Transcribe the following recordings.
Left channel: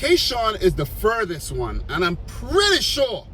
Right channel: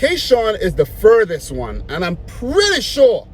Keyshawn is the furthest one, and I'm pretty sure,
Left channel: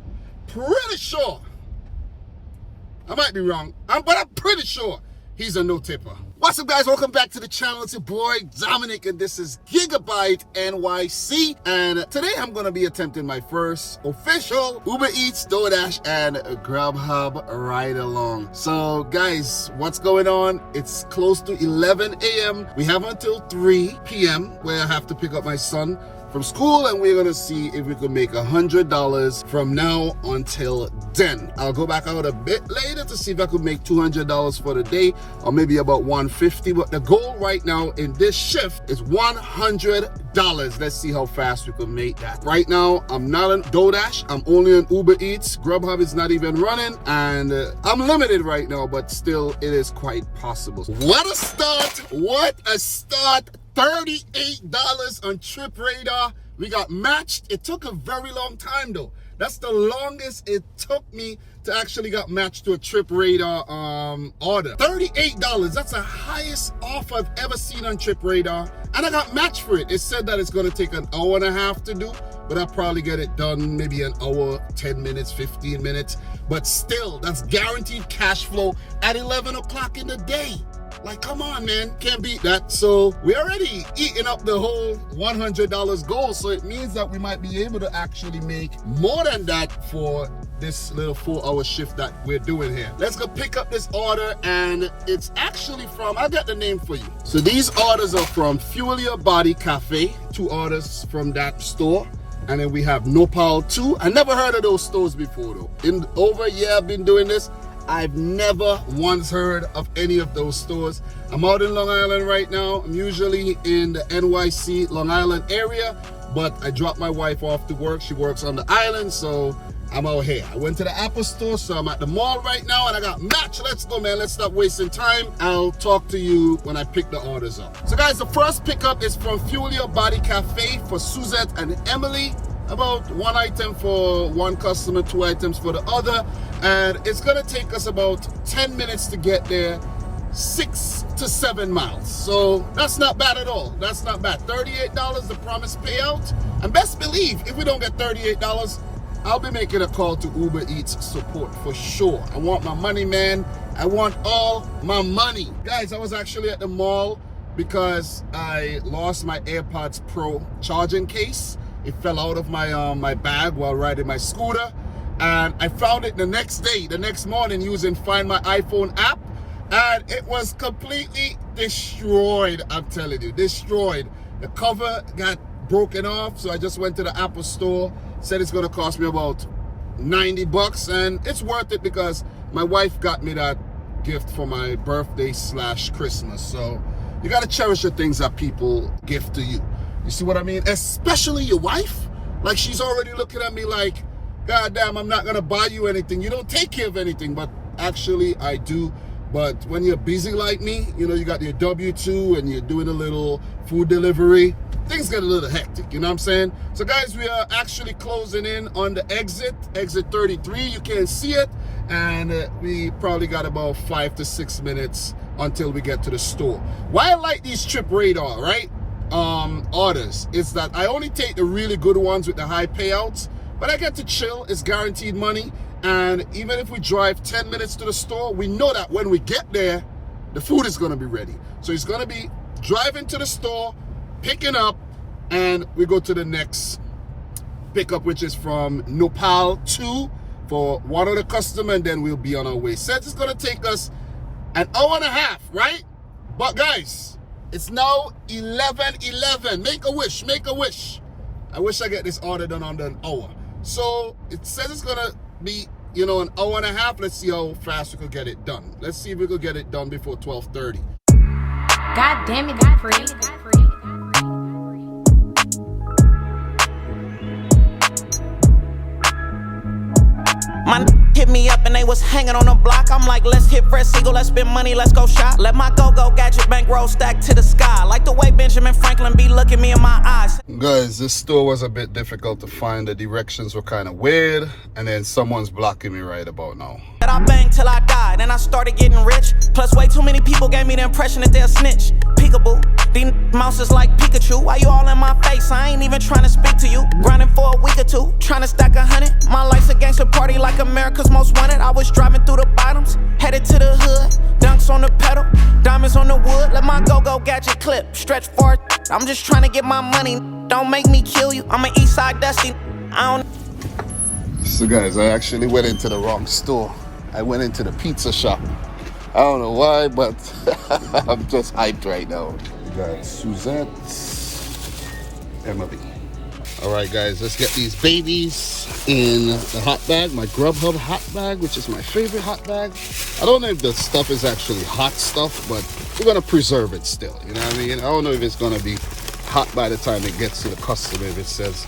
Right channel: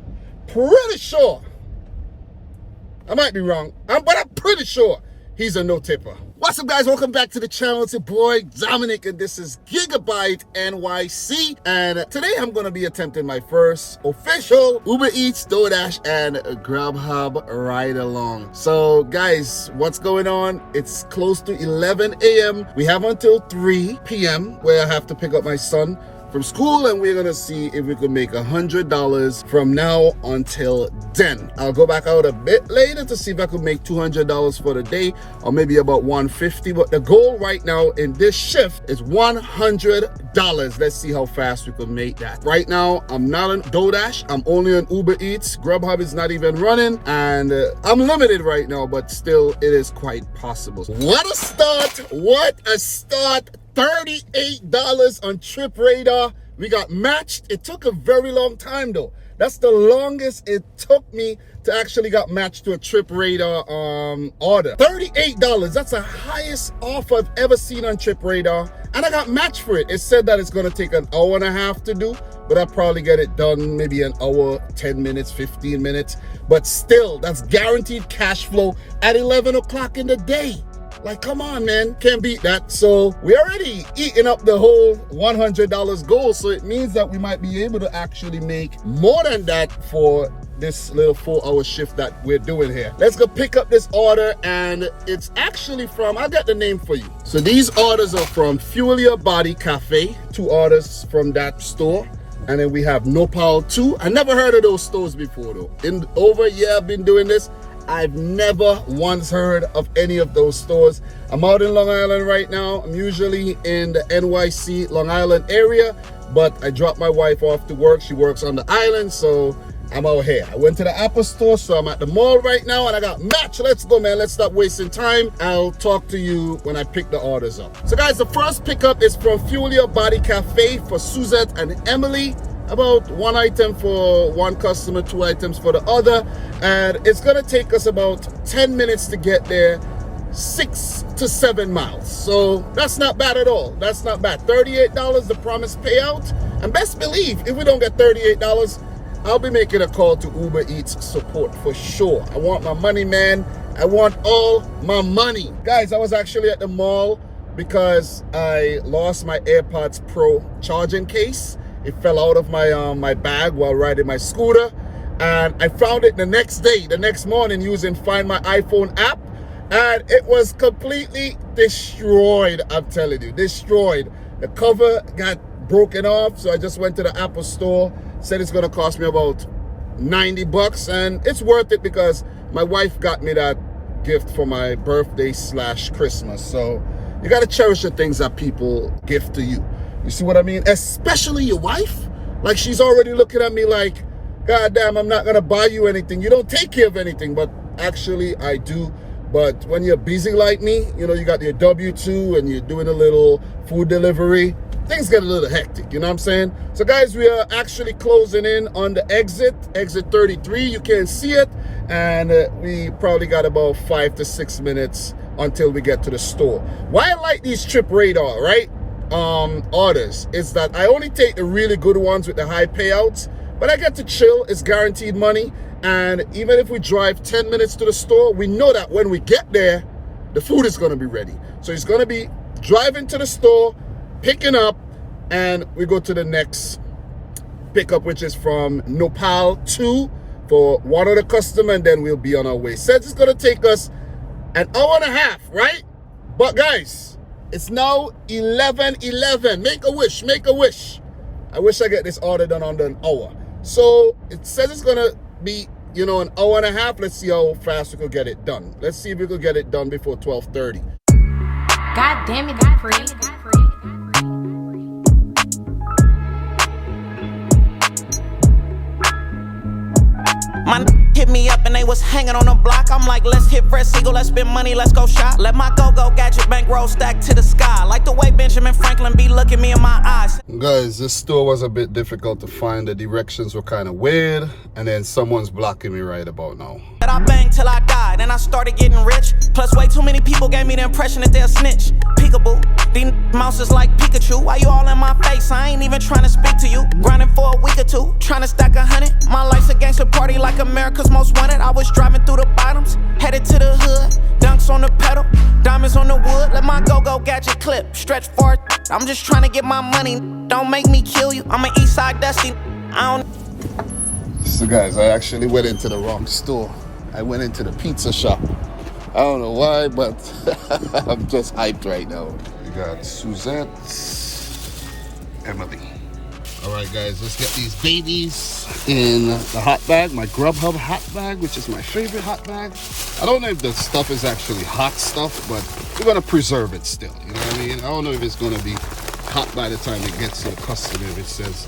I might be wrong, but I'm pretty sure he's a no-tipper. What's up, guys? Welcome back to the channel. It's your boy Dominic, and this is Gigabyte NYC. And today I'm going to be attempting my first official Ubereats, Doordash, and Grubhub ride-along. So, guys, what's going on? It's close to 11 a.m. We have until 3 p.m. where I have to pick up my son from school, and we're gonna see if we can make $100 from now until then. I'll go back out a bit later to see if I could make $200 for the day, or maybe about $150. But the goal right now in this shift is $100. Let's see how fast we can make that. Right now, I'm not on Doordash. I'm only on Ubereats. Grubhub is not even running, and I'm limited right now, but still, it is quite possible. What a start! What a start! $38 on Trip Radar. We got matched. It took a very long time though. That's the longest it took me to actually got matched to a Trip Radar order. $38. That's the highest offer I've ever seen on Trip Radar. And I got matched for it. It said that it's gonna take an hour and a half to do, but I'll probably get it done maybe an hour, 10 minutes, 15 minutes. But still, that's guaranteed cash flow at 11 o'clock in the day. Like, come on, man, can't beat that. So we're already eating up the whole $100 goal. So it means that we might be able to actually make more than that for this little 4-hour shift that we're doing here. Let's go pick up this order, and it's actually from, I'll get the name for you. So these orders are from Fuel Your Body Cafe, 2 orders from that store. And then we have Nopal 2. I never heard of those stores before though. In over a year I've been doing this, I've never once heard of any of those stores. I'm out in Long Island right now. I'm usually in the NYC, Long Island area, but I dropped my wife off to work. She works on the island, so I'm out here. I went to the Apple store, so I'm at the mall right now, and I got match. Let's go, man. Let's stop wasting time. I'll talk to you when I pick the orders up. So, guys, the first pickup is from Fuel Your Body Cafe for Suzette and Emily. About 1 item for one customer, 2 items for the other, and it's gonna take us about 10 minutes to get there, 6 to 7 miles. So that's not bad at all. That's not bad. $38 the promised payout, and best believe if we don't get $38, I'll be making a call to Ubereats support for sure. I want my money, man. I want all my money. Guys, I was actually at the mall because I lost my AirPods Pro charging case. It fell out of my my bag while riding my scooter, and I found it the next day, the next morning, using Find My iPhone app, and it was completely destroyed. I'm telling you, destroyed. The cover got broken off, so I just went to the Apple store, said it's gonna cost me about $90, and it's worth it because my wife got me that gift for my birthday / Christmas. So you gotta cherish the things that people give to you. You see what I mean? Especially your wife. Like, she's already looking at me like, God damn, I'm not gonna buy you anything. You don't take care of anything. But actually, I do. But when you're busy like me, you know, you got your W-2 and you're doing a little food delivery, things get a little hectic, you know what I'm saying? So, guys, we are actually closing in on the exit 33. You can't see it. And we probably got about 5 to 6 minutes until we get to the store. Why I like these Trip Radar, right? Orders is that I only take the really good ones with the high payouts, but I get to chill. It's guaranteed money, and even if we drive 10 minutes to the store, we know that when we get there, the food is going to be ready. So it's going to be driving to the store, picking up, and we go to the next pickup, which is from Nopal 2 for one other customer, and then we'll be on our way. Says it's going to take us an hour and a half, right? But guys, it's now 11:11. Make a wish, make a wish. I wish I get this order done under an hour. So it says it's gonna be, you know, an hour and a half. Let's see how fast we could get it done. Let's see if we could get it done before 12:30. God damn it, Dupree. My hit me up and they was hanging on the block. I'm like, let's hit Fresh Eagle, let's spend money, let's go shop. Let my go-go gadget bankroll stack to the sky. Like the way Benjamin Franklin be looking me in my eyes. Guys, this store was a bit difficult to find. The directions were kind of weird, and then someone's blocking me right about now. I banged till I died, and I started getting rich. Plus, way too many people gave me the impression that they'll snitch. Peekaboo, these mouses like Pikachu. Why you all in my face? I ain't even trying to speak to you. Grinding for a week or two, trying to stack 100. My life's a gangster party like America's Most Wanted. I was driving through the bottoms, headed to the hood. Dunks on the pedal, diamonds on the wood. Let my go-go gadget clip, stretch far. I'm just trying to get my money. Don't make me kill you. I'm an Eastside Dusty. I don't. So guys, I actually went into the wrong store. I went into the pizza shop. I don't know why, but I'm just hyped right now. We got Suzette, Emily. All right, guys, let's get these babies in the hot bag, my Grubhub hot bag, which is my favorite hot bag. I don't know if the stuff is actually hot stuff, but we're gonna preserve it still. You know what I mean? I don't know if it's gonna be hot by the time it gets to the customer, if it says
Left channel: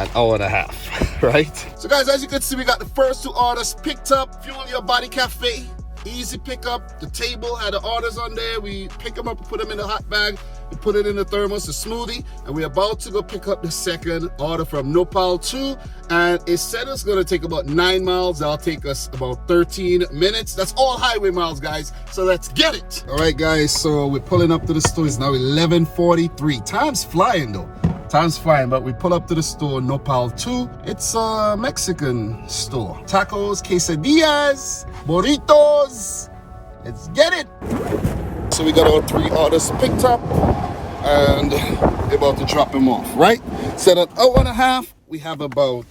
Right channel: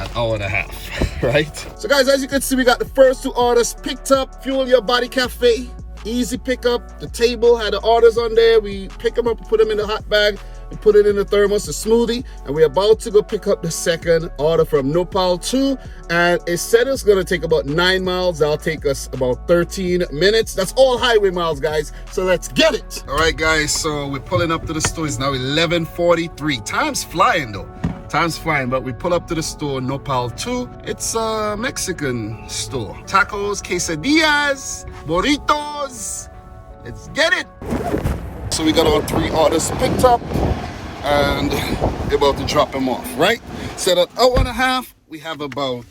an hour and a half, right? So guys, as you can see, we got the first 2 orders picked up. Fuel Your Body Cafe, easy pickup. The table had the orders on there. We pick them up, put them in the hot bag, we put it in the thermos, the smoothie, and we're about to go pick up the second order from Nopal 2. And it said it's gonna take about 9 miles. That'll take us about 13 minutes. That's all highway miles, guys. So let's get it. All right, guys, so we're pulling up to the store. It's now 11:43. Time's flying though. Time's flying, but we pull up to the store, Nopal 2. It's a Mexican store. Tacos, quesadillas, burritos. Let's get it. So we got all 3 orders picked up and we're about to drop them off, right? So that hour and a half, we have about,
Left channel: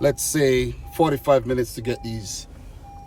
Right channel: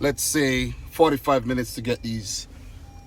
let's say, 45 minutes to get these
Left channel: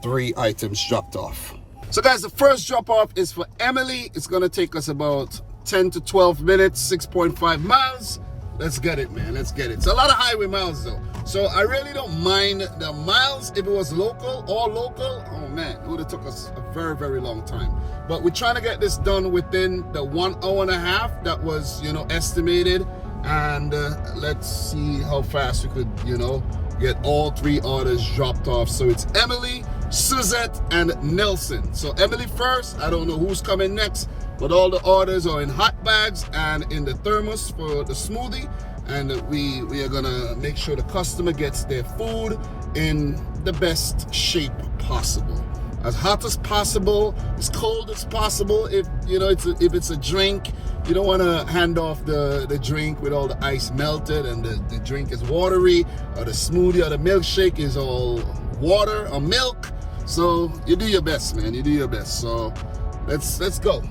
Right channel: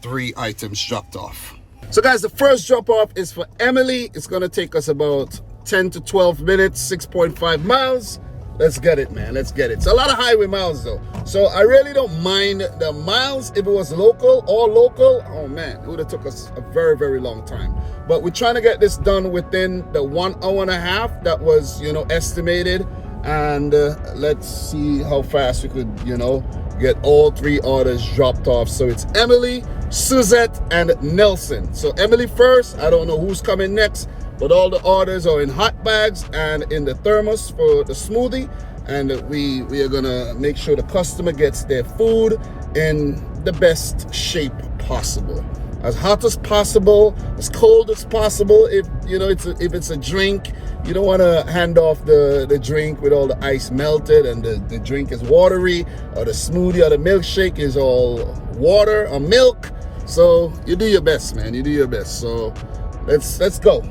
3 items dropped off. So guys, the first drop off is for Emily. It's gonna take us about 10 to 12 minutes, 6.5 miles. Let's get it, man. Let's get it. It's a lot of highway miles, though. So I really don't mind the miles. If it was local, all local, oh, man, it would have took us a very, very long time. But we're trying to get this done within the 1 hour and a half that was, you know, estimated. And let's see how fast we could, you know, get all 3 orders dropped off. So it's Emily, Suzette, and Nelson. So Emily first. I don't know who's coming next. But all the orders are in hot bags and in the thermos for the smoothie. And we are gonna make sure the customer gets their food in the best shape possible. As hot as possible, as cold as possible. If you know, if it's a drink, you don't wanna hand off the drink with all the ice melted and the drink is watery, or the smoothie or the milkshake is all water or milk. So you do your best, man, you do your best. So let's go.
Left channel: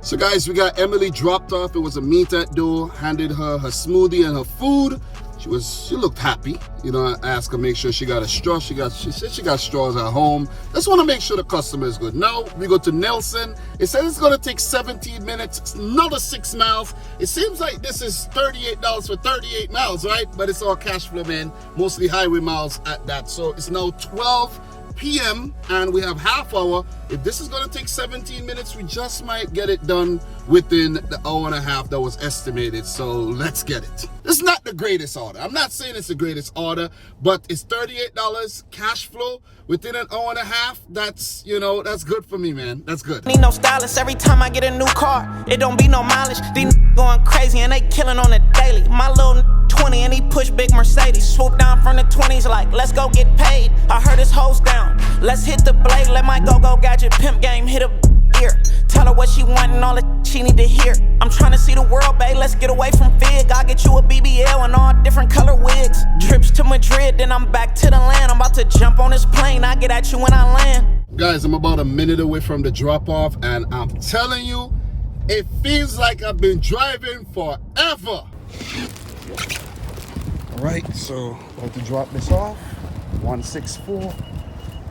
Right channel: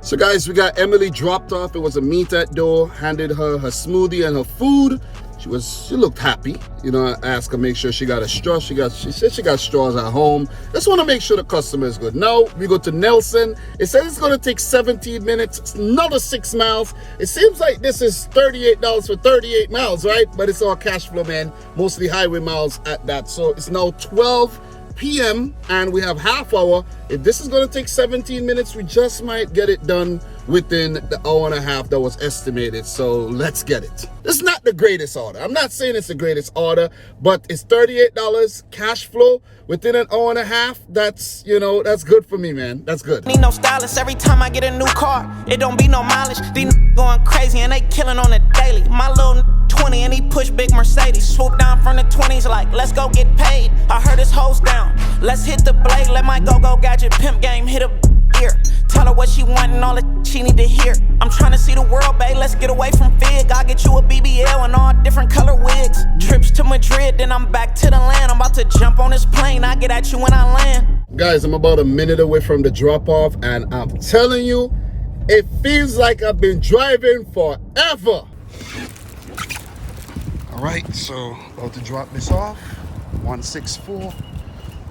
So guys, we got Emily dropped off. It was a meet at door, handed her smoothie and her food. She looked happy. You know, I asked her, make sure she got a straw. She said she got straws at home. Just want to make sure the customer is good. Now we go to Nelson. It says it's going to take 17 minutes. It's another 6 miles. It seems like this is $38 for 38 miles, right? But it's all cash flow, man. Mostly highway miles at that. So it's now 12 p.m. and we have half hour. If this is going to take 17 minutes, we just might get it done within the hour and a half that was estimated. So let's get it. It's not the greatest order. I'm not saying it's the greatest order, but it's $38 cash flow within an hour and a half. That's, you know, that's good for me, man. That's good. Need no stylist every time I get a new car. It don't be no mileage. These going crazy and they killing on the daily. My little 20 and he push big Mercedes. Swoop down from the 20s like, let's go get paid. I heard his hose down. Let's hit the blade. Let my go-go gadget pimp game hit a ear. Tell her what she want and all the she need to hear. I'm trying to see the world, babe. Let's get away from Fig. I'll get you a BBL and all different color wigs. Trips to Madrid, then I'm back to the land. I'm about to jump on this plane. I get at you when I land. Guys, I'm about a minute away from the drop-off, and I'm telling you, it feels like I've been driving forever. All right, so about to drop this off. 164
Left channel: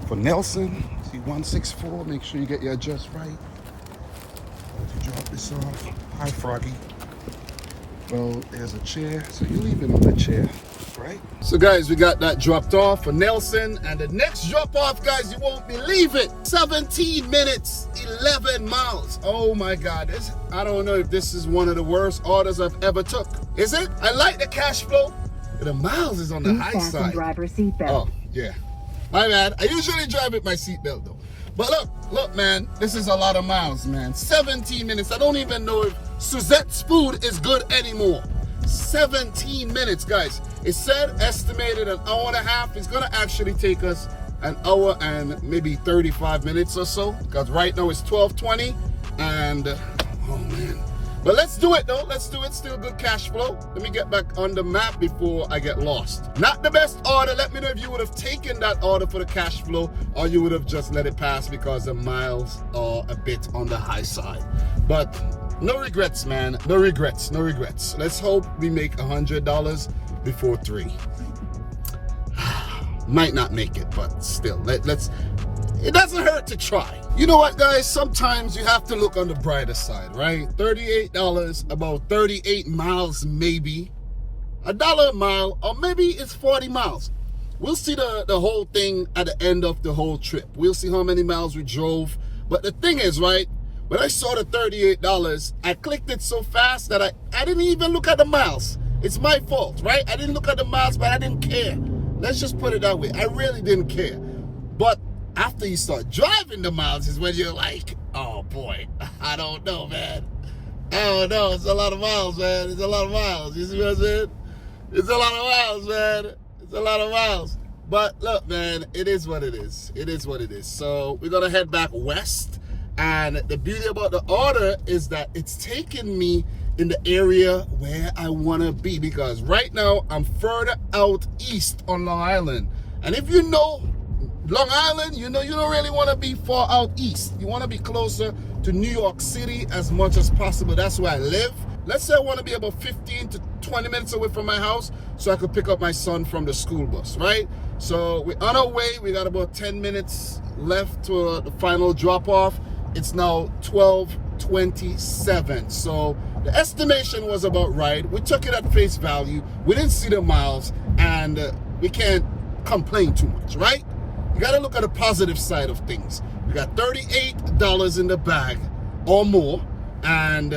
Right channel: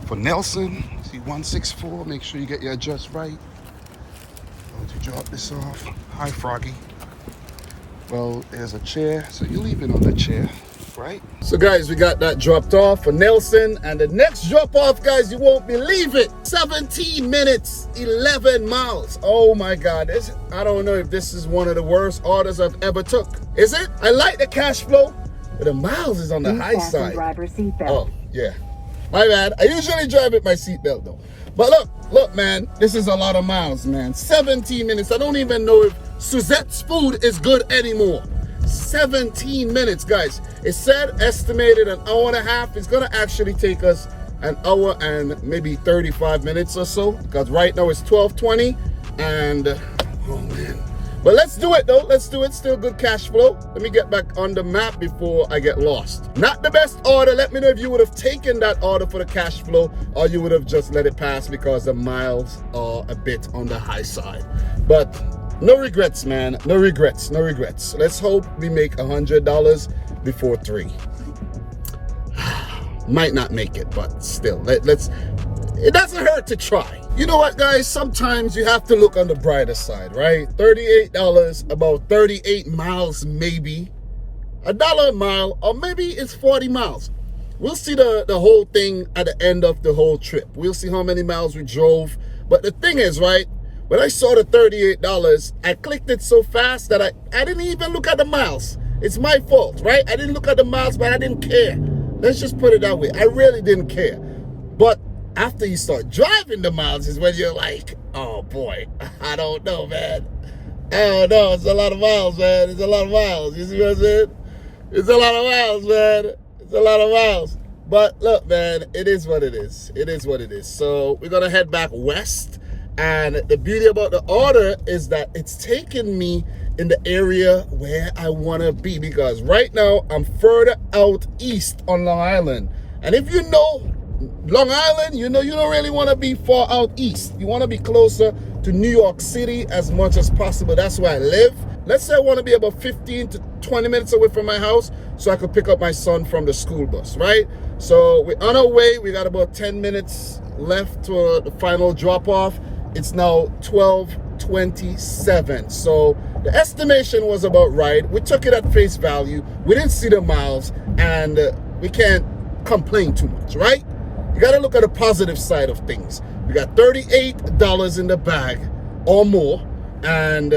for Nelson. See, 164. Make sure you get your address right. About to drop this off. Hi, Froggy. Well, there's a chair, so you leave it on the chair, right? So guys, we got that dropped off for Nelson, and the next drop off, guys, you won't believe it. 17 minutes, 11 miles. Oh my God, I don't know if this is one of the worst orders I've ever took. Is it? I like the cash flow, but the miles is on the high side. Driver seatbelt. Oh, yeah. My bad. I usually drive with my seatbelt though. But look, man, this is a lot of miles, man. 17 minutes. I don't even know if Suzette's food is good anymore. 17 minutes, guys. It said estimated an hour and a half. It's gonna actually take us an hour and maybe 35 minutes or so, because right now it's 12:20, and oh man. But let's do it though, let's do it. Still good cash flow. Let me get back on the map before I get lost. Not the best order. Let me know if you would have taken that order for the cash flow, or you would have just let it pass because the miles are a bit on the high side. But no regrets, man. No regrets, no regrets. Let's hope we make $100 before 3. Might not make it, but still, let's. It doesn't hurt to try. You know what, guys? Sometimes you have to look on the brighter side, right? $38, about 38 miles, maybe. $1 a mile, or maybe it's 40 miles. We'll see the whole thing at the end of the whole trip. We'll see how many miles we drove. But the thing is, right, when I saw the $38, I clicked it so fast that I didn't even look at the miles. It's my fault, right? I didn't look at the miles, but I didn't care. Let's just put it that way. I really didn't care. But after you start driving the miles is when you're like, oh boy, I don't know, man. I don't know. It's a lot of miles, man. It's a lot of miles. You see what I'm saying? It's a lot of miles, man. It's a lot of miles. But look, man, it is what it is. It is what it is. So we're going to head back west. And the beauty about the order is that it's taking me in the area where I want to be, because right now I'm further out east on Long Island. And if you know Long Island, you know you don't really want to be far out east. You want to be closer to New York City as much as possible. That's where I live. Let's say I want to be about 15 to 20 minutes away from my house so I could pick up my son from the school bus, right? So we're on our way. We got about 10 minutes left to the final drop off. It's now 12:27. So the estimation was about right. We took it at face value. We didn't see the miles, and we can't complain too much, right? You got to look at the positive side of things. We got $38 in the bag or more, and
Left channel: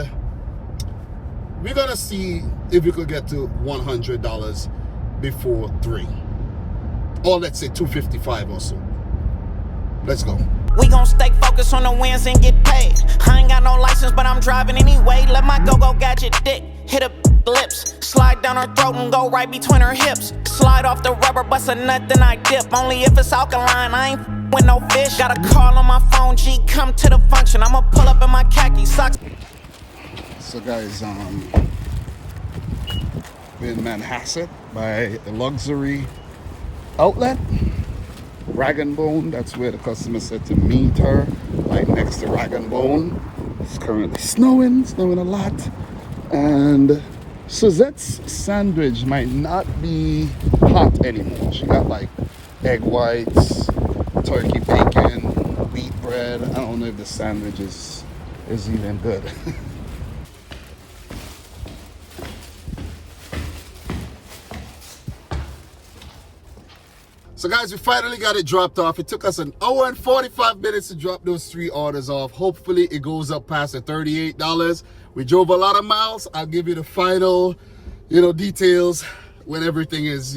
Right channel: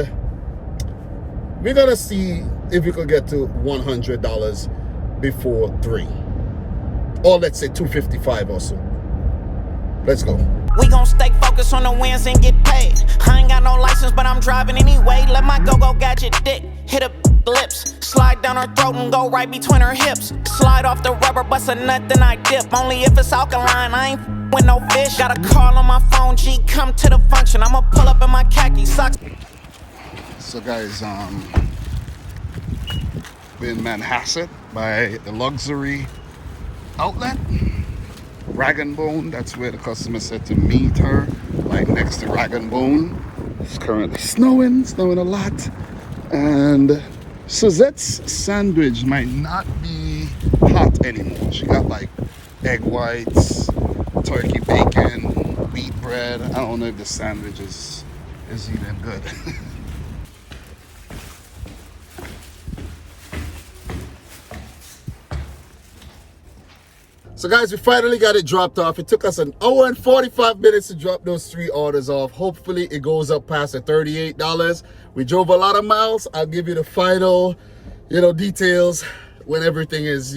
we're going to see if we could get to $100 before 3. Or let's say $255 or so. Let's go. We gon' stay focused on the wins and get paid. I ain't got no license, but I'm driving anyway. Let my go-go gadget dick hit her lips. Slide down her throat and go right between her hips. Slide off the rubber, bust a nut, then I dip. Only if it's alkaline, I ain't with no fish. Got a call on my phone, G, come to the function. I'ma pull up in my khaki socks. So guys, we're in Manhasset by the luxury outlet. Rag and Bone, that's where the customer said to meet her, right next to Rag and Bone. It's currently snowing a lot. And Suzette's sandwich might not be hot anymore. She got like egg whites, turkey bacon, wheat bread. I don't know if the sandwich is even good. So guys, we finally got it dropped off. It took us an hour and 45 minutes to drop those 3 orders off. Hopefully it goes up past the $38. We drove a lot of miles. I'll give you the final, details when everything is,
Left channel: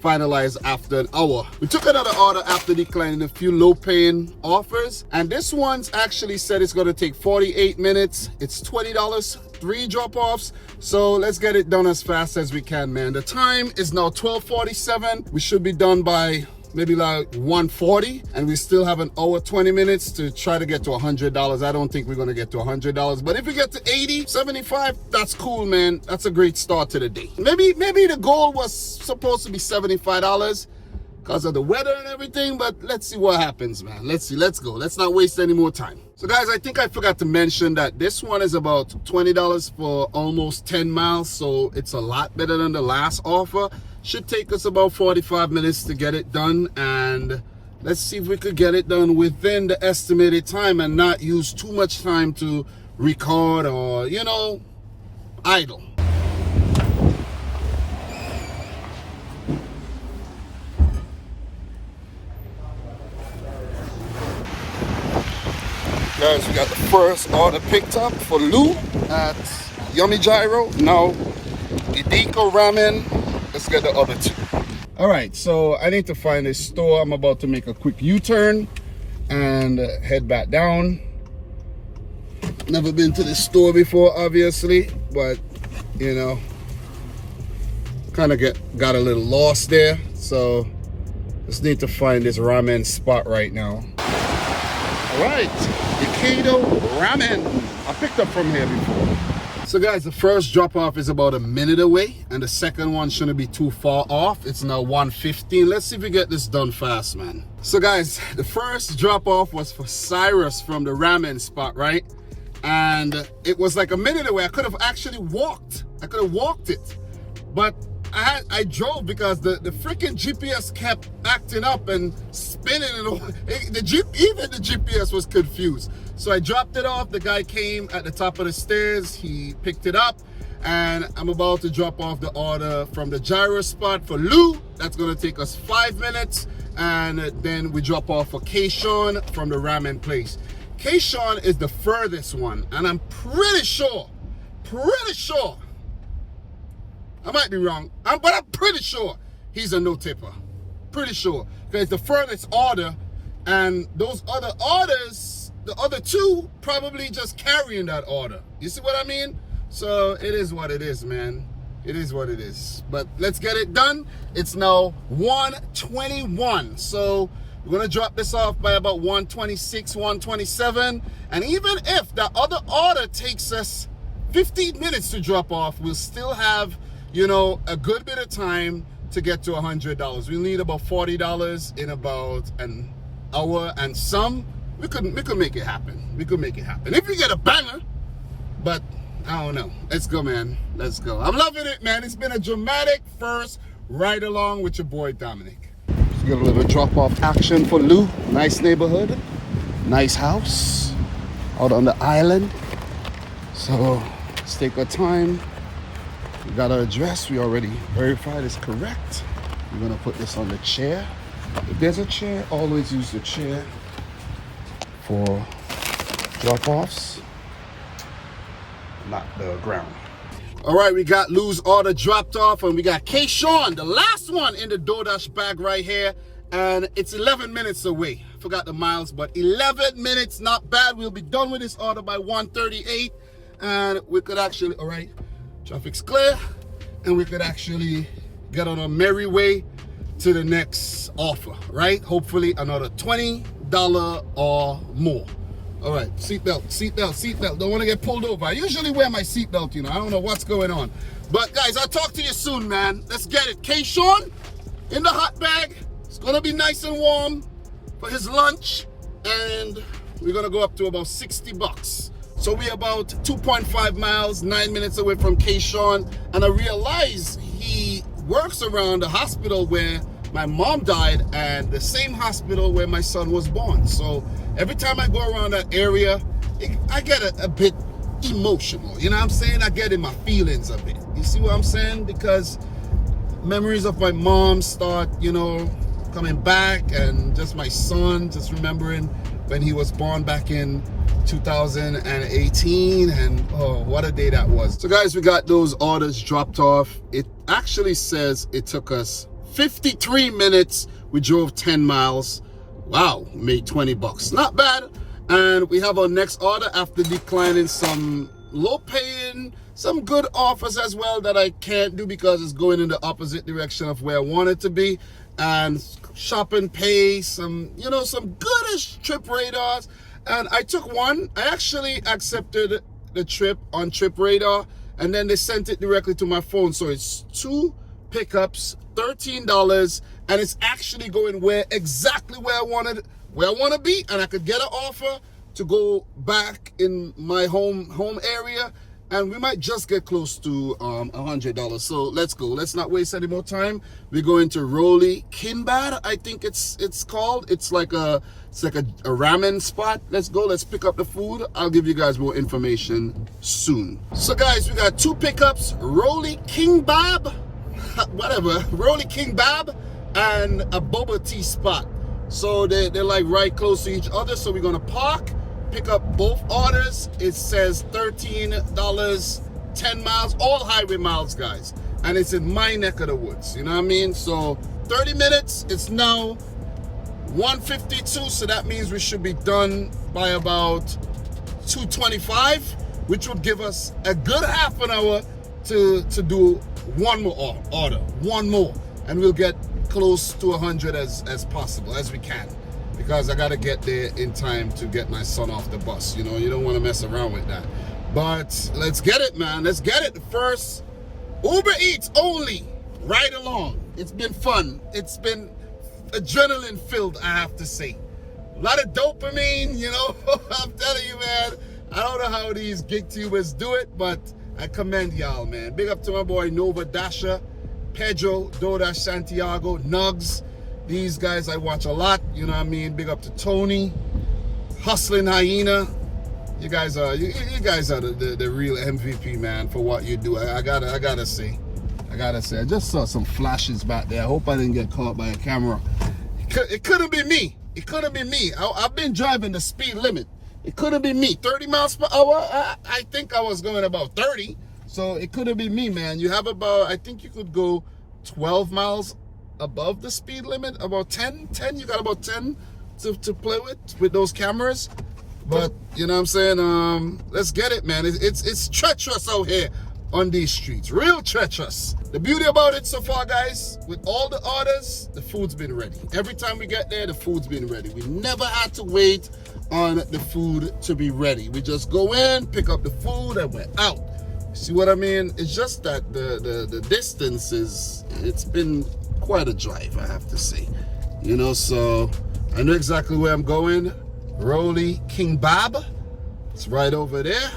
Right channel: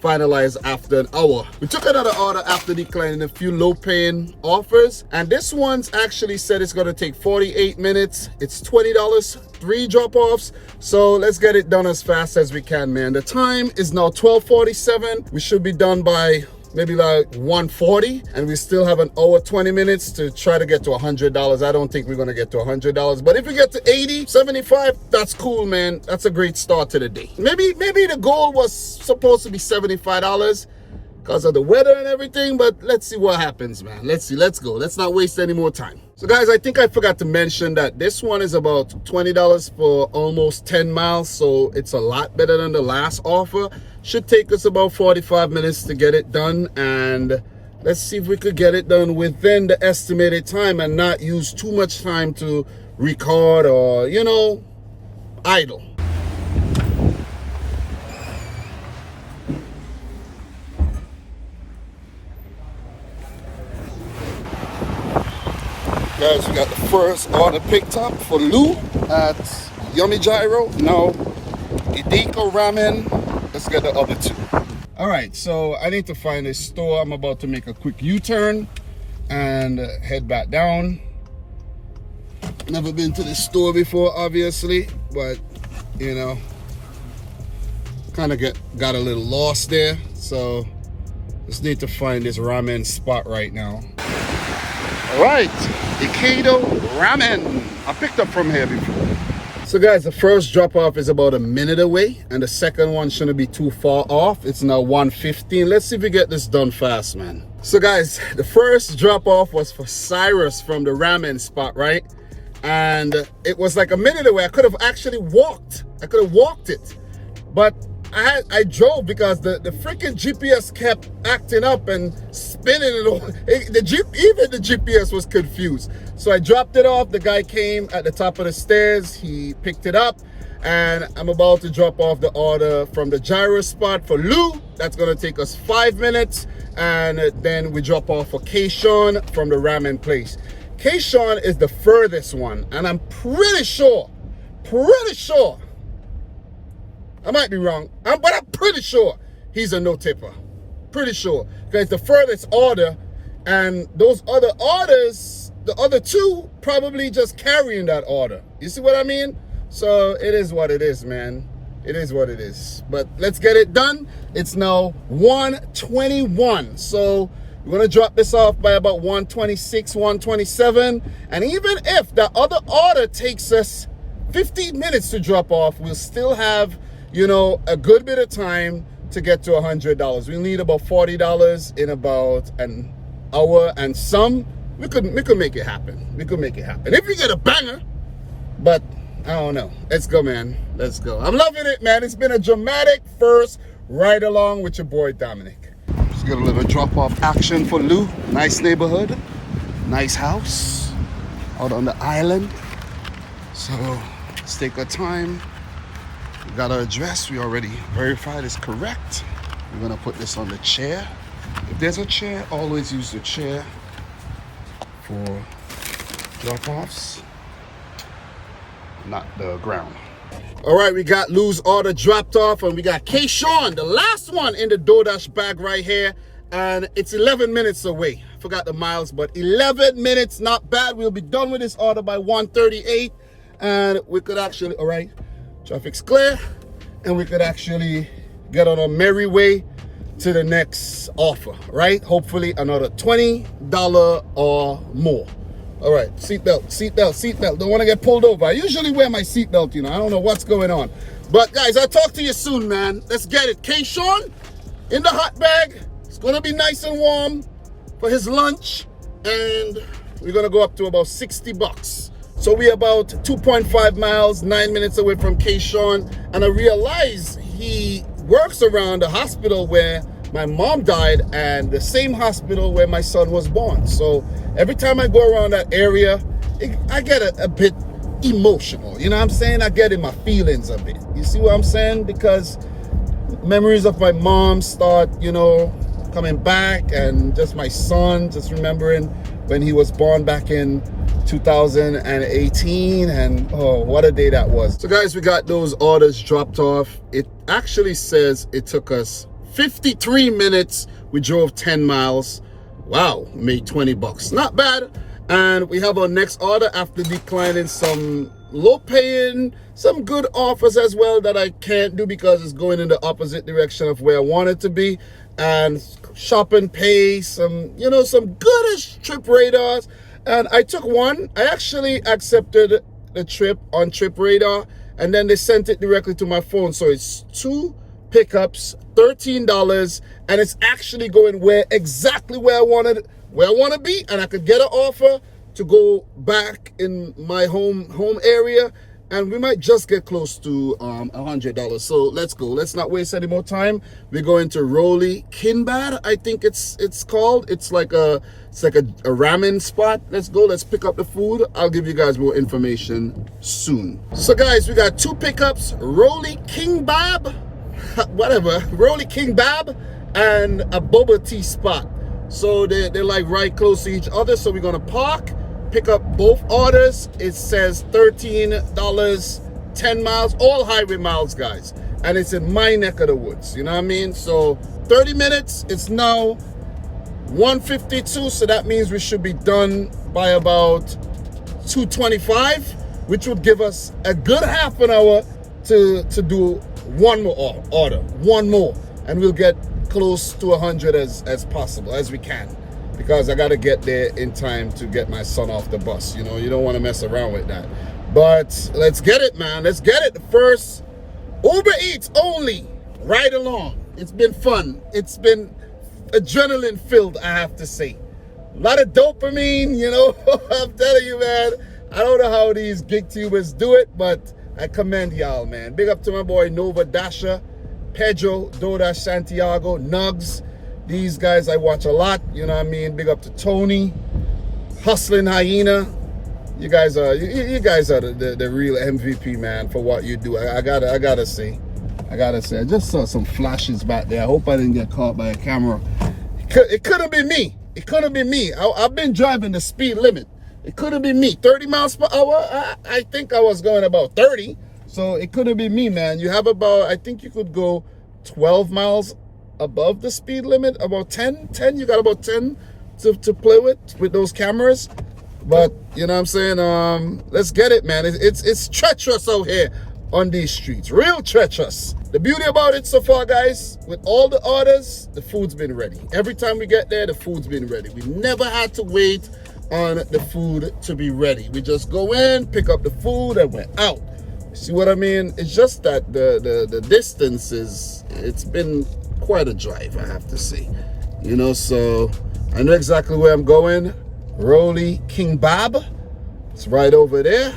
finalized after an hour. We took another order after declining a few low-paying offers, and this one's actually said it's going to take 48 minutes. It's $20, 3 drop-offs. So let's get it done as fast as we can, man. The time is now 12:47. We should be done by maybe like 1:40, and we still have an hour 20 minutes to try to get to $100. I don't think we're going to get to $100, but if we get to 80, 75, that's cool, man. That's a great start to the day. Maybe the goal was supposed to be $75 because of the weather and everything, but let's see what happens, man. Let's see. Let's go. Let's not waste any more time. So guys, I think I forgot to mention that this one is about $20 for almost 10 miles, so it's a lot better than the last offer. Should take us about 45 minutes to get it done, and let's see if we could get it done within the estimated time and not use too much time to record or, idle. Guys, we got the first order picked up for Lou at Yummy Gyro. Now, Idiko Ramen. Let's get the other 2. All right, so I need to find a store. I'm about to make a quick U-turn and head back down. Never been to this store before, obviously, but kind of got a little lost there. So Just need to find this ramen spot right now. All right, Ikeda Ramen. I picked up from here before. So guys, the first drop off is about a minute away, and the second one shouldn't be too far off. It's now 1:15. Let's see if we get this done fast, man. So guys, the first drop off was for Cyrus from the ramen spot, right? And it was like a minute away. I could have actually walked. I could have walked it, but I drove because the freaking GPS kept acting up and spinning it all. Even the GPS was confused. So I dropped it off. The guy came at the top of the stairs. He picked it up, and I'm about to drop off the order from the gyro spot for Lou. That's gonna take us 5 minutes, and then we drop off for Kayshawn from the ramen place. Kayshawn is the furthest one, and I'm pretty sure, I might be wrong, but I'm pretty sure he's a no tipper. Pretty sure. Because it's the furthest order, and those other orders, the other two, probably just carrying that order. You see what I mean? So it is what it is, man. It is what it is. But let's get it done. It's now 1:21. So we're gonna drop this off by about 1:26, 1:27. And even if the other order takes us 15 minutes to drop off, we'll still have, you know, a good bit of time to get to $100. We need about $40 in about an hour and some. We could make it happen. We could make it happen. If we get a banger, but I don't know. Let's go, man. Let's go. I'm loving it, man. It's been a dramatic first ride along with your boy Dominic. Let's get a little drop off action for Lou. Nice neighborhood, nice house out on the island. So let's take our time. We got our address. We already verified it's correct. We're gonna put this on the chair. If there's a chair, always use the chair for drop-offs, not the ground. All right, we got Lou's order dropped off, and we got Kayshawn, the last one in the Doordash bag right here, and it's 11 minutes away. Forgot the miles, but 11 minutes, not bad. We'll be done with this order by 1:38, and we could actually, all right, traffic's clear, and we could actually get on a merry way to the next offer, right? Hopefully another $20 or more. All right, seatbelt, seatbelt, seatbelt. Don't want to get pulled over. I usually wear my seatbelt, you know. I don't know what's going on. But guys, I'll talk to you soon, man. Let's get it. Kayshawn in the hot bag. It's gonna be nice and warm for his lunch, and we're gonna go up to about $60. So we're about 2.5 miles, 9 minutes away from Kayshawn, and I realize he works around the hospital where my mom died and the same hospital where my son was born. So every time I go around that area, I get a bit emotional. You know what I'm saying? I get in my feelings a bit. You see what I'm saying? Because memories of my mom start, you know, coming back, and just my son, just remembering when he was born back in 2018, and oh, what a day that was. So guys, we got those orders dropped off. It actually says it took us 53 minutes. We drove 10 miles. Wow, made $20. Not bad. And we have our next order after declining some low paying, some good offers as well that I can't do because it's going in the opposite direction of where I want it to be. And shop and pay, some, you know, some goodish trip radars. And I took one. I actually accepted the trip on Trip Radar, and then they sent it directly to my phone. So it's 2 pickups, $13, and it's actually going exactly where I want to be, and I could get an offer to go back in my home area, and we might just get close to $100. So let's go. Let's not waste any more time. We're going to Rolly Kinbad, I think it's called. It's like a ramen spot. Let's go. Let's pick up the food. I'll give you guys more information soon. So guys, we got 2 pickups, Rolly Kinbab, whatever, Rolly Kinbab, and a boba tea spot. So they're like right close to each other. So we're gonna park, pick up both orders. It says $13, 10 miles, all highway miles, guys. And it's in my neck of the woods, you know what I mean? So 30 minutes, it's now 1:52, so that means we should be done by about 2:25, which would give us a good half an hour to do one more order, one more, and we'll get close to 100 as possible, as we can, because I got to get there in time to get my son off the bus. You know, you don't want to mess around with that. But let's get it, man. Let's get it. The first Ubereats only ride along. It's been fun. It's been adrenaline filled, I have to say. A lot of dopamine, you know. I'm telling you, man. I don't know how these gig tubers do it, but I commend y'all, man. Big up to my boy Nova Dasha, Pedro, Doordash, Santiago, Nugs. These guys I watch a lot, you know what I mean? Big up to Tony, Hustling Hyena. You guys are the real MVP, man, for what you do. I gotta say. I just saw some flashes back there. I hope I didn't get caught by a camera. It couldn't be me. It couldn't be me. I've been driving the speed limit. It couldn't be me. 30 miles per hour. I think I was going about 30. So it couldn't be me, man. You have about, I think you could go 12 miles above the speed limit. About 10. You got about 10 to play with those cameras. But you know what I'm saying? Let's get it, man. It's treacherous out here on these streets. Real treacherous. The beauty about it so far, guys, with all the orders, the food's been ready. Every time we get there, the food's been ready. We never had to wait on the food to be ready. We just go in, pick up the food, and we're out. See what I mean? It's just that the distance it's been quite a drive, I have to say. You know, so I know exactly where I'm going. Rolly King Bob. It's right over there.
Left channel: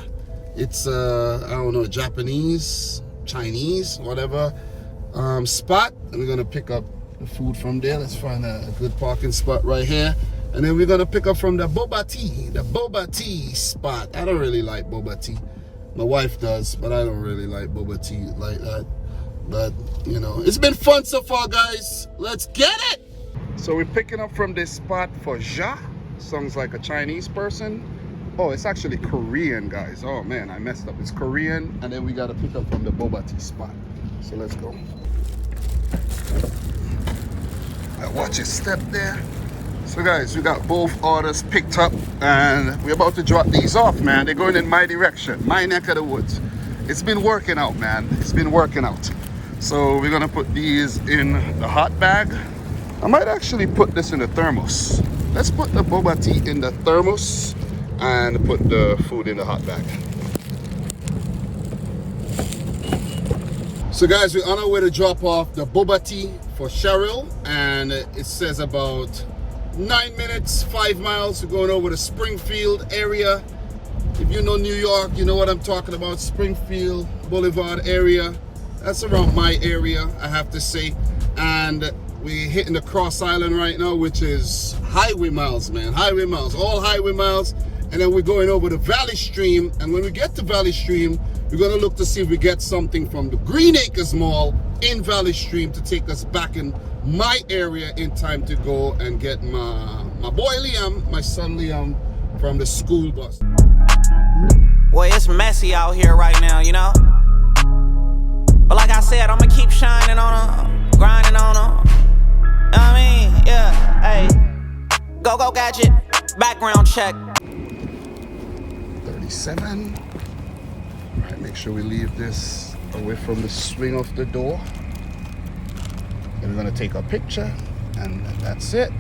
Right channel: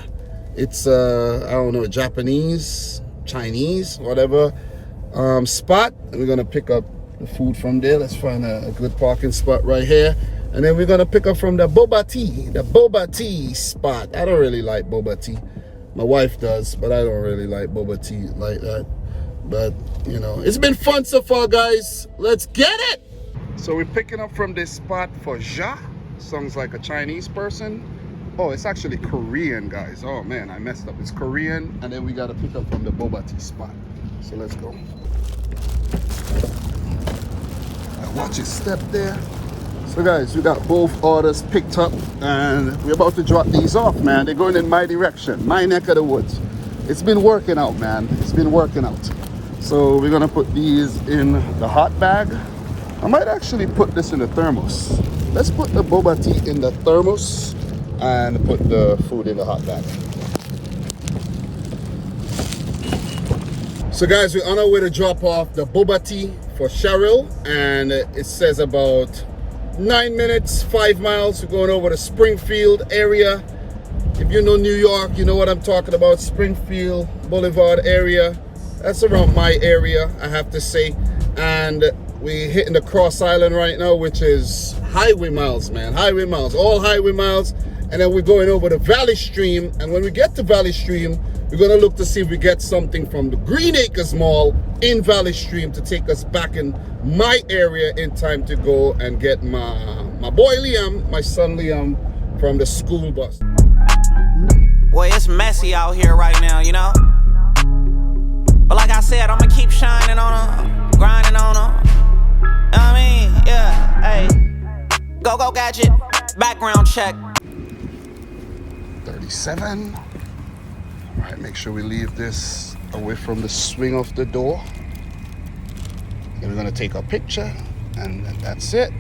It's I don't know, Japanese, Chinese, whatever spot. And we're gonna pick up the food from there. Let's find a good parking spot right here. And then we're gonna pick up from the boba tea spot. I don't really like boba tea. My wife does, but I don't really like boba tea like that. But you know, it's been fun so far, guys. Let's get it. So we're picking up from this spot for Ja. Sounds like a Chinese person. Oh, it's actually Korean, guys. Oh man, I messed up. It's Korean, and then we gotta pick up from the boba tea spot. So let's go. Watch your step there. So guys, we got both orders picked up, and we're about to drop these off, man. They're going in my direction, my neck of the woods. It's been working out, man. It's been working out. So we're gonna put these in the hot bag. I might actually put this in the thermos. Let's put the boba tea in the thermos and put the food in the hot bag. So guys, we're on our way to drop off the boba tea for Cheryl, and it says about 9 minutes, 5 miles. We're going over to Springfield area. If you know New York, you know what I'm talking about. Springfield Boulevard area. That's around my area, I have to say. And we're hitting the Cross Island right now, which is highway miles, man. Highway miles, all highway miles. And then we're going over to Valley Stream. And when we get to Valley Stream, we're gonna look to see if we get something from the Green Acres Mall in Valley Stream to take us back in my area in time to go and get my boy Liam, my son Liam, from the school bus. Boy, it's messy out here right now, you know? But like I said, I'ma keep shining on them, grinding on them. I mean, yeah, hey. Go gadget, background check. 37. All right, make sure we leave this away from the swing of the door. Then we're gonna take a picture, and that's it.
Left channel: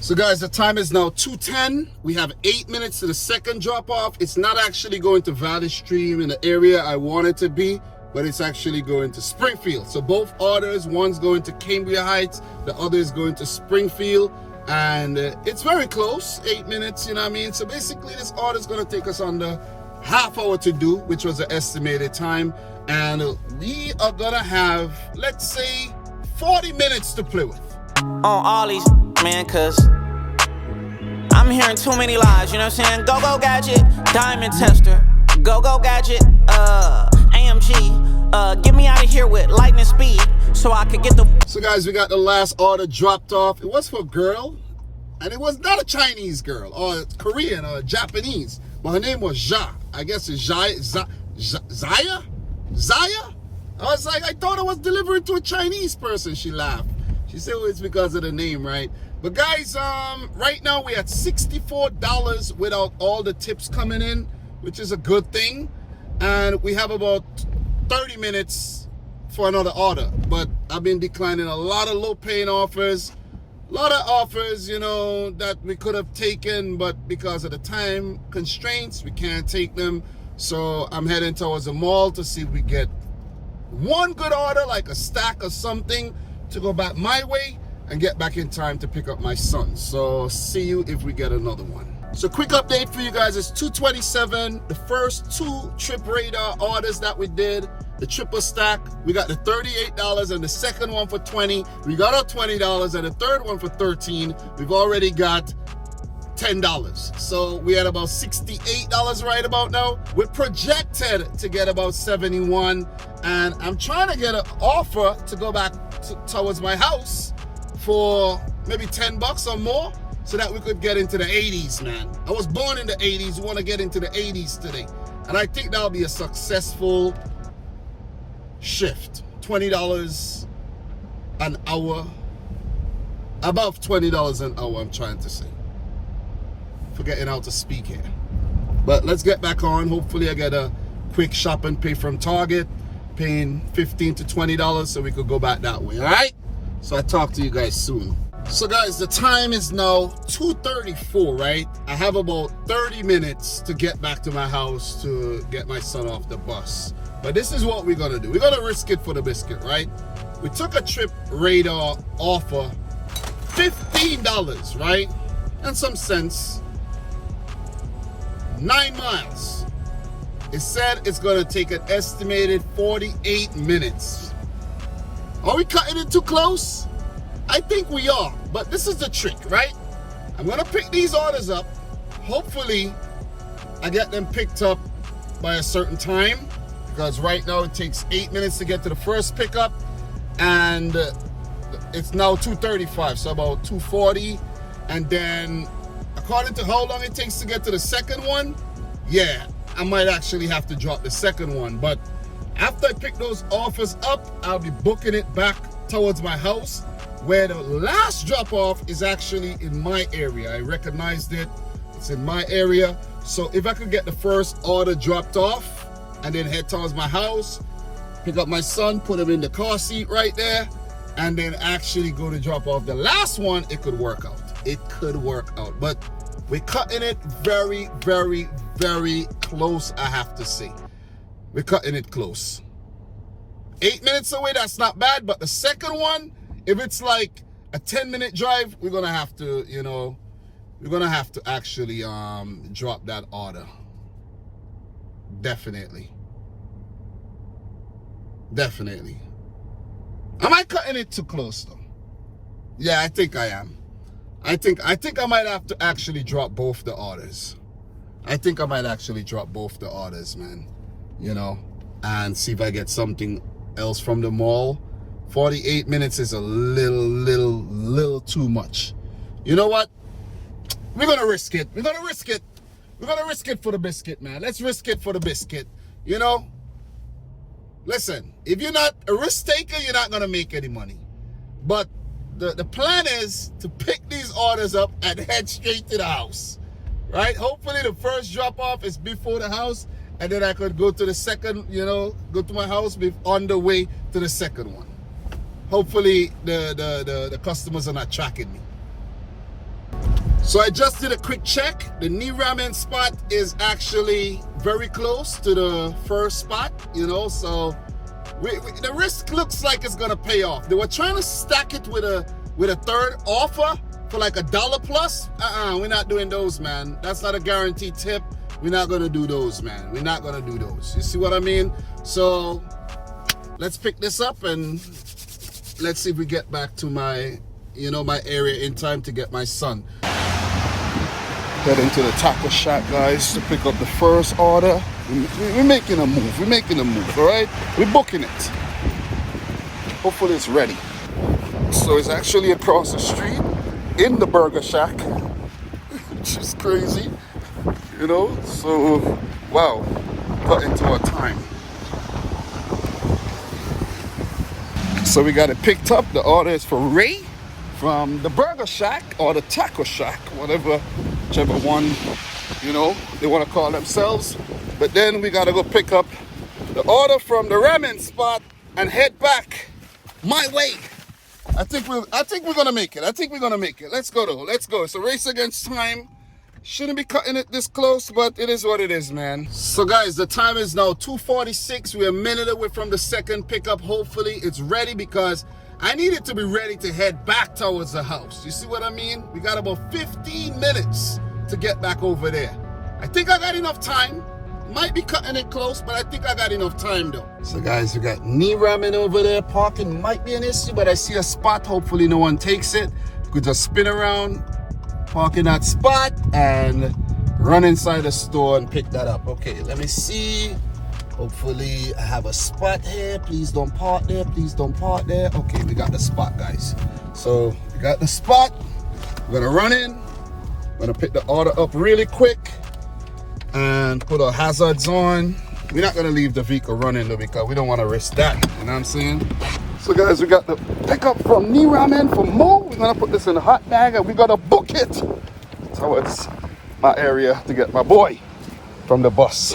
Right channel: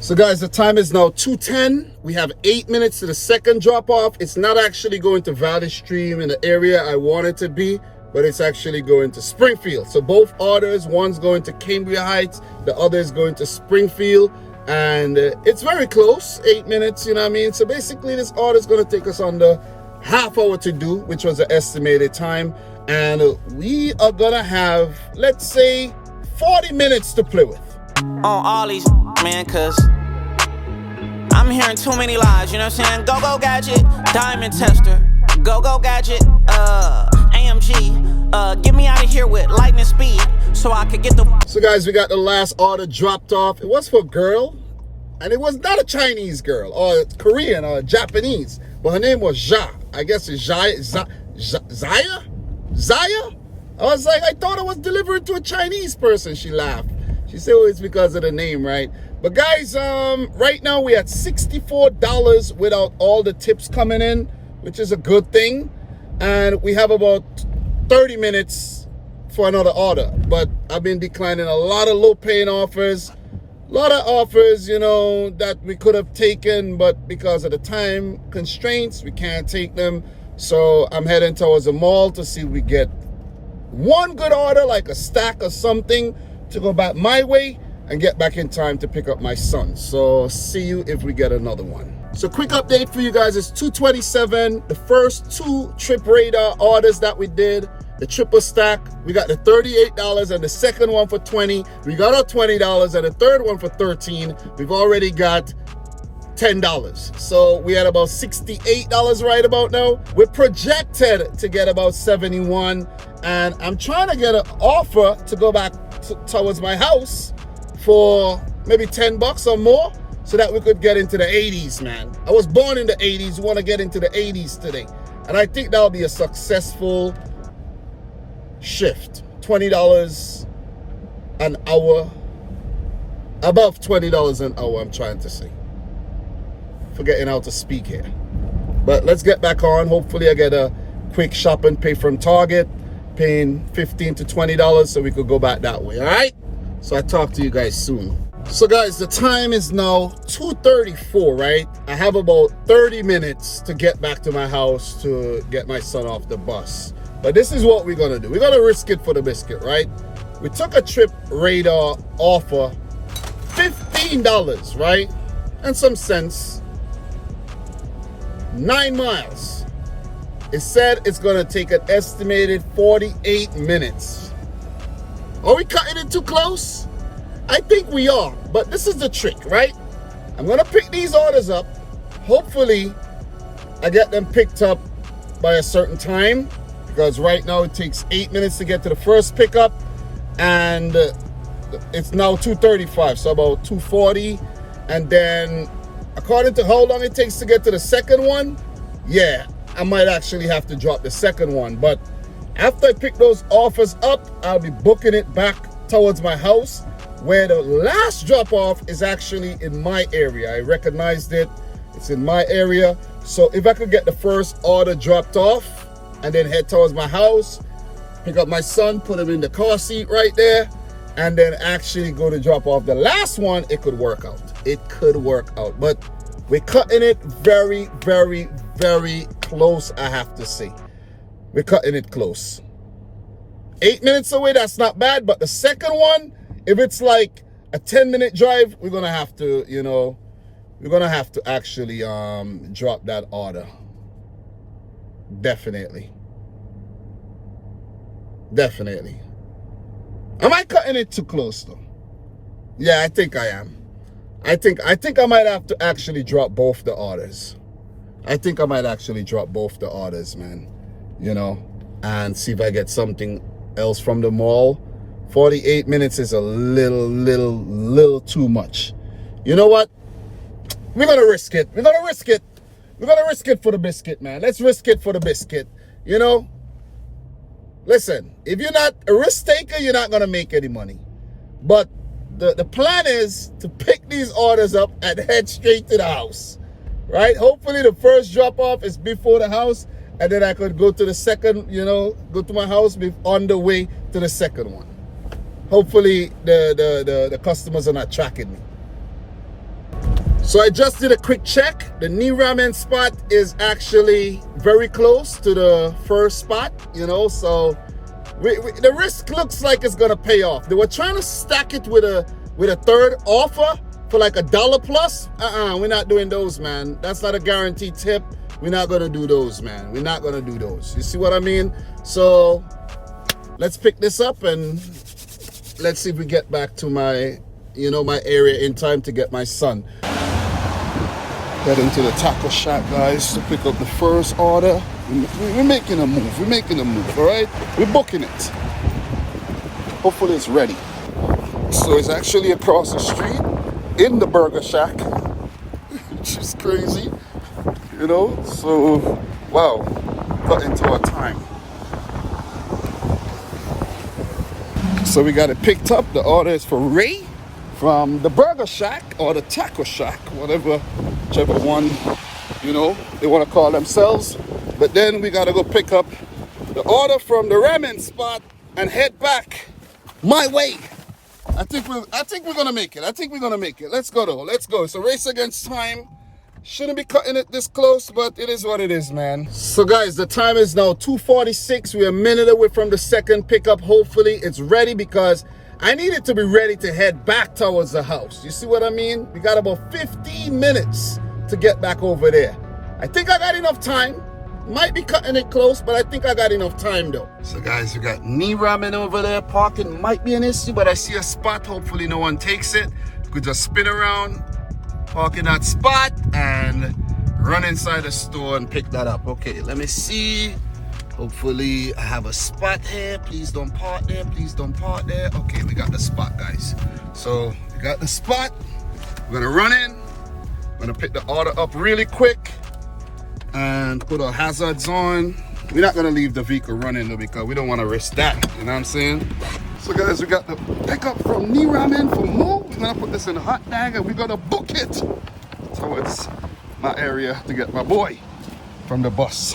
So guys, the time is now 2:10. We have 8 minutes to the second drop off. It's not actually going to Valley Stream in the area I want it to be, but it's actually going to Springfield. So both orders, one's going to Cambria Heights, the other is going to Springfield, and it's very close, 8 minutes, you know what I mean? So basically this order is going to take us under half hour to do, which was the estimated time, and we are gonna have, let's say, 40 minutes to play with. On all these, man, cause I'm hearing too many lies, you know what I'm saying? Go gadget, diamond tester. Go gadget, AMG. Get me out of here with lightning speed so I could get the. So guys, we got the last order dropped off. It was for a girl, and it was not a Chinese girl or Korean or Japanese, but her name was Ja. I guess it's Zaya? I was like, I thought it was delivered to a Chinese person. She laughed. She said, well, it's because of the name, right? But guys, right now we're at $64 without all the tips coming in, which is a good thing. And we have about 30 minutes, for another order, but I've been declining a lot of low paying offers. A lot of offers, you know, that we could have taken, but because of the time constraints, we can't take them. So I'm heading towards the mall to see if we get one good order, like a stack or something, to go back my way and get back in time to pick up my son. So see you if we get another one. So quick update for you guys, it's 227. The first 2 Trip Radar orders that we did, the triple stack, we got the $38 and the second one for $20. We got our $20 and the third one for $13. We've already got $10. So we had about $68 right about now. We're projected to get about 71, and I'm trying to get an offer to go back towards my house for maybe $10 or more, so that we could get into the 80s, man. I was born in the 80s, we want to get into the 80s today. And I think that'll be a successful shift. $20 an hour, above $20 an hour, I'm trying to say. Forgetting how to speak here. But let's get back on. Hopefully I get a quick shop and pay from Target, paying $15 to $20 so we could go back that way, all right? So I'll talk to you guys soon. So guys, the time is now 2:34, right? I have about 30 minutes to get back to my house to get my son off the bus. But this is what we're gonna do. We're gonna risk it for the biscuit, right? We took a Trip Radar offer, $15, right? And some cents, 9 miles. It said it's gonna take an estimated 48 minutes. Are we cutting it too close? I think we are, but this is the trick, right? I'm gonna pick these orders up. Hopefully, I get them picked up by a certain time, because right now it takes 8 minutes to get to the first pickup, and it's now 2:35, so about 2:40. And then, according to how long it takes to get to the second one, yeah, I might actually have to drop the second one. But after I pick those offers up, I'll be booking it back towards my house, where the last drop-off is actually in my area. I recognized it. It's in my area. So if I could get the first order dropped off and then head towards my house, pick up my son, put him in the car seat right there, and then actually go to drop off the last one, it could work out. It could work out. But we're cutting it very, very, very close, I have to say. We're cutting it close. 8 minutes away, that's not bad. But the second one, if it's like a 10-minute drive, we're gonna have to, you know, we're gonna have to actually drop that order. Definitely. Definitely. Am I cutting it too close though? Yeah, I think I am. I think I might have to actually drop both the orders. I think I might actually drop both the orders, man. You know, and see if I get something else from the mall. 48 minutes is a little too much. You know what? We're gonna risk it. We're gonna risk it. We're gonna risk it for the biscuit, man. Let's risk it for the biscuit. You know? Listen, if you're not a risk taker, you're not gonna make any money. But the plan is to pick these orders up and head straight to the house. Right? Hopefully the first drop off is before the house, and then I could go to the second, you know, go to my house on the way to the second one. Hopefully the customers are not tracking me. So I just did a quick check. The new ramen spot is actually very close to the first spot, you know, so the risk looks like it's gonna pay off. They were trying to stack it with a third offer for like $1 plus. We're not doing those, man. That's not a guaranteed tip. We're not gonna do those, man. We're not gonna do those. You see what I mean? So let's pick this up and let's see if we get back to my, you know, my area in time to get my son. Heading to the taco shack, guys, to pick up the first order. We're making a move. We're making a move, all right? We're booking it. Hopefully it's ready. So it's actually across the street in the burger shack, which is crazy, you know? So, wow, cut into our time. So we got it picked up. The order is for Ray from the burger shack or the taco shack, whichever one, you know, they want to call themselves. But then we got to go pick up the order from the ramen spot and head back my way. I think we're gonna make it. I think we're gonna make it. Let's go though. Let's go. It's a race against time. Shouldn't be cutting it this close, but it is what it is, man. So guys, the time is now 2:46. We're a minute away from the second pickup. Hopefully it's ready because I need it to be ready to head back towards the house. You see what I mean? We got about 15 minutes to get back over there. I think I got enough time. Might be cutting it close, but I think I got enough time though. So guys, we got knee ramming over there. Parking might be an issue, but I see a spot. Hopefully no one takes it. We could just spin around, park in that spot, and run inside the store and pick that up. Okay, let me see. Hopefully I have a spot here. Please don't park there. Please don't park there. Okay, we got the spot, guys. So we got the spot. We're gonna run in. I'm gonna pick the order up really quick and put our hazards on. We're not gonna leave the vehicle running though because we don't want to risk that, you know what I'm saying? So guys, we got the pickup from knee ramen from Mo. We're gonna put this in a hot bag and we're gonna book it towards my area to get my boy from the bus.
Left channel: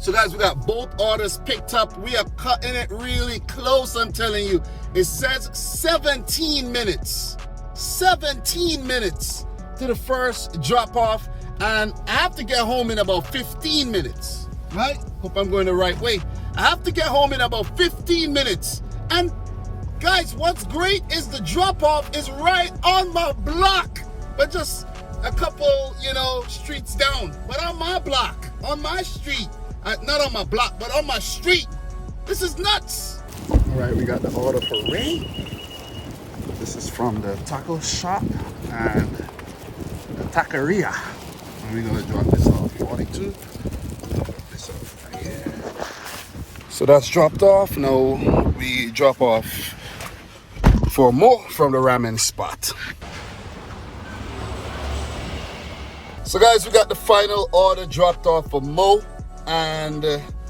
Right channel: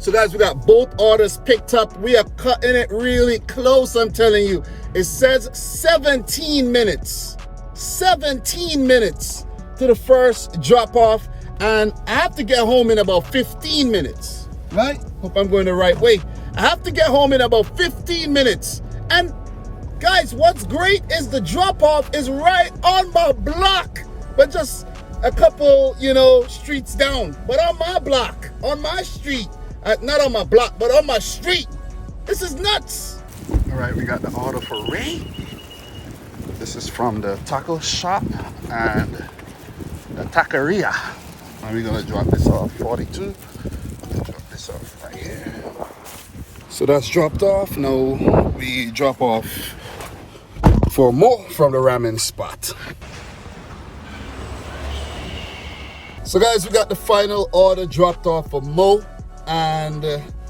So guys, we got both orders picked up. We are cutting it really close, I'm telling you. It says 17 minutes. 17 minutes to the first drop off. And I have to get home in about 15 minutes, right? Hope I'm going the right way. I have to get home in about 15 minutes. And guys, what's great is the drop-off is right on my block, but just a couple, streets down. But on my block, on my street, not on my block, but on my street. This is nuts. All right, we got the order for Ray. This is from the taco shop and the taqueria. And we're gonna drop this off 42. Drop this off right here. So that's dropped off. Now we drop off for more from the ramen spot. So guys, we got the final order dropped off for Mo, and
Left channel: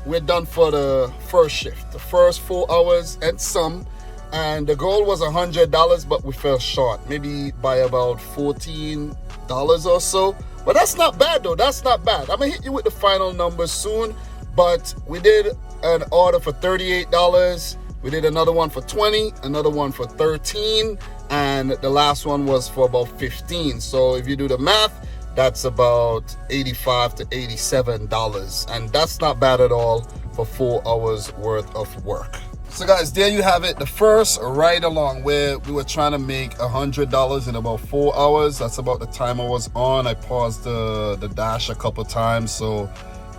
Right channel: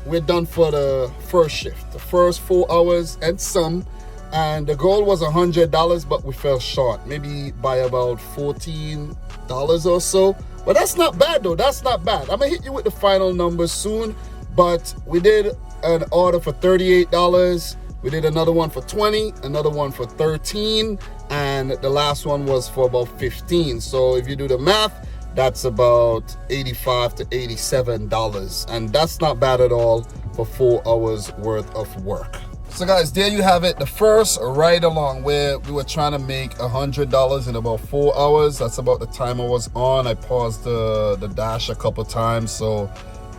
we're done for the first shift, the first 4 hours and some. And the goal was $100, but we fell short, maybe by about $14 or so. But that's not bad though, that's not bad. I'm gonna hit you with the final numbers soon, but we did an order for $38. We did another one for $20, another one for $13, and the last one was for about $15. So if you do the math, that's about $85 to $87. And that's not bad at all for 4 hours worth of work. So guys, there you have it. The first ride along where we were trying to make $100 in about 4 hours. That's about the time I was on. I paused the dash a couple times. So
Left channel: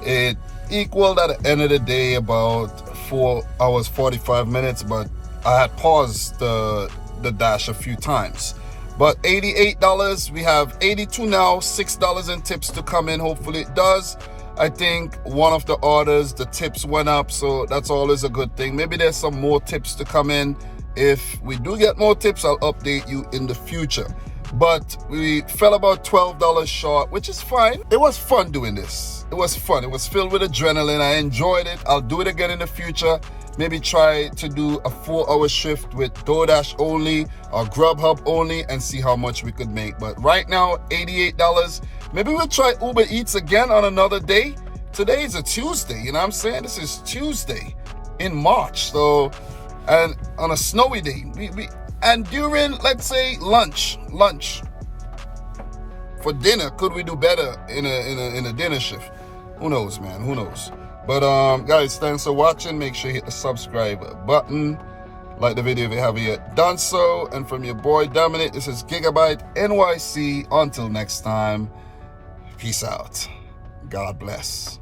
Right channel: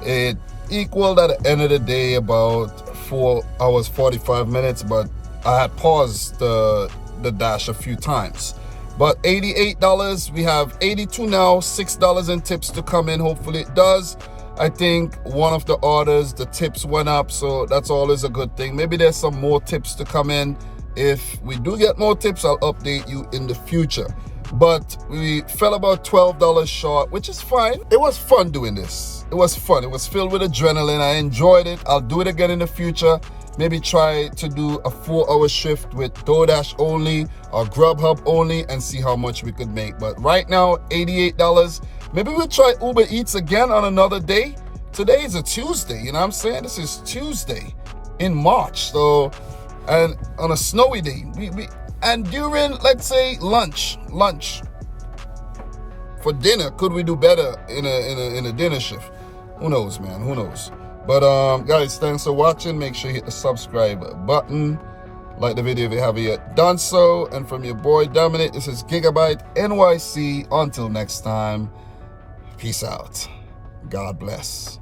it equaled at the end of the day about 4 hours, 45 minutes. But I had paused the dash a few times. But $88, we have 82 now, $6 in tips to come in. Hopefully it does. I think one of the orders, the tips went up, so that's always a good thing. Maybe there's some more tips to come in. If we do get more tips, I'll update you in the future. But we fell about $12 short, which is fine. It was fun doing this. It was fun. It was filled with adrenaline. I enjoyed it. I'll do it again in the future. Maybe try to do a 4-hour shift with Doordash only or Grubhub only and see how much we could make. But right now, $88. Maybe we'll try Ubereats again on another day. Today is a Tuesday, you know what I'm saying? This is Tuesday in March. So, and on a snowy day, and during, let's say, lunch for dinner, could we do better in a dinner shift? Who knows, man? Who knows? But guys, thanks for watching. Make sure you hit the subscribe button. Like the video if you haven't yet done so. And from your boy Dominic, this is Gigabyte NYC. Until next time, peace out. God bless.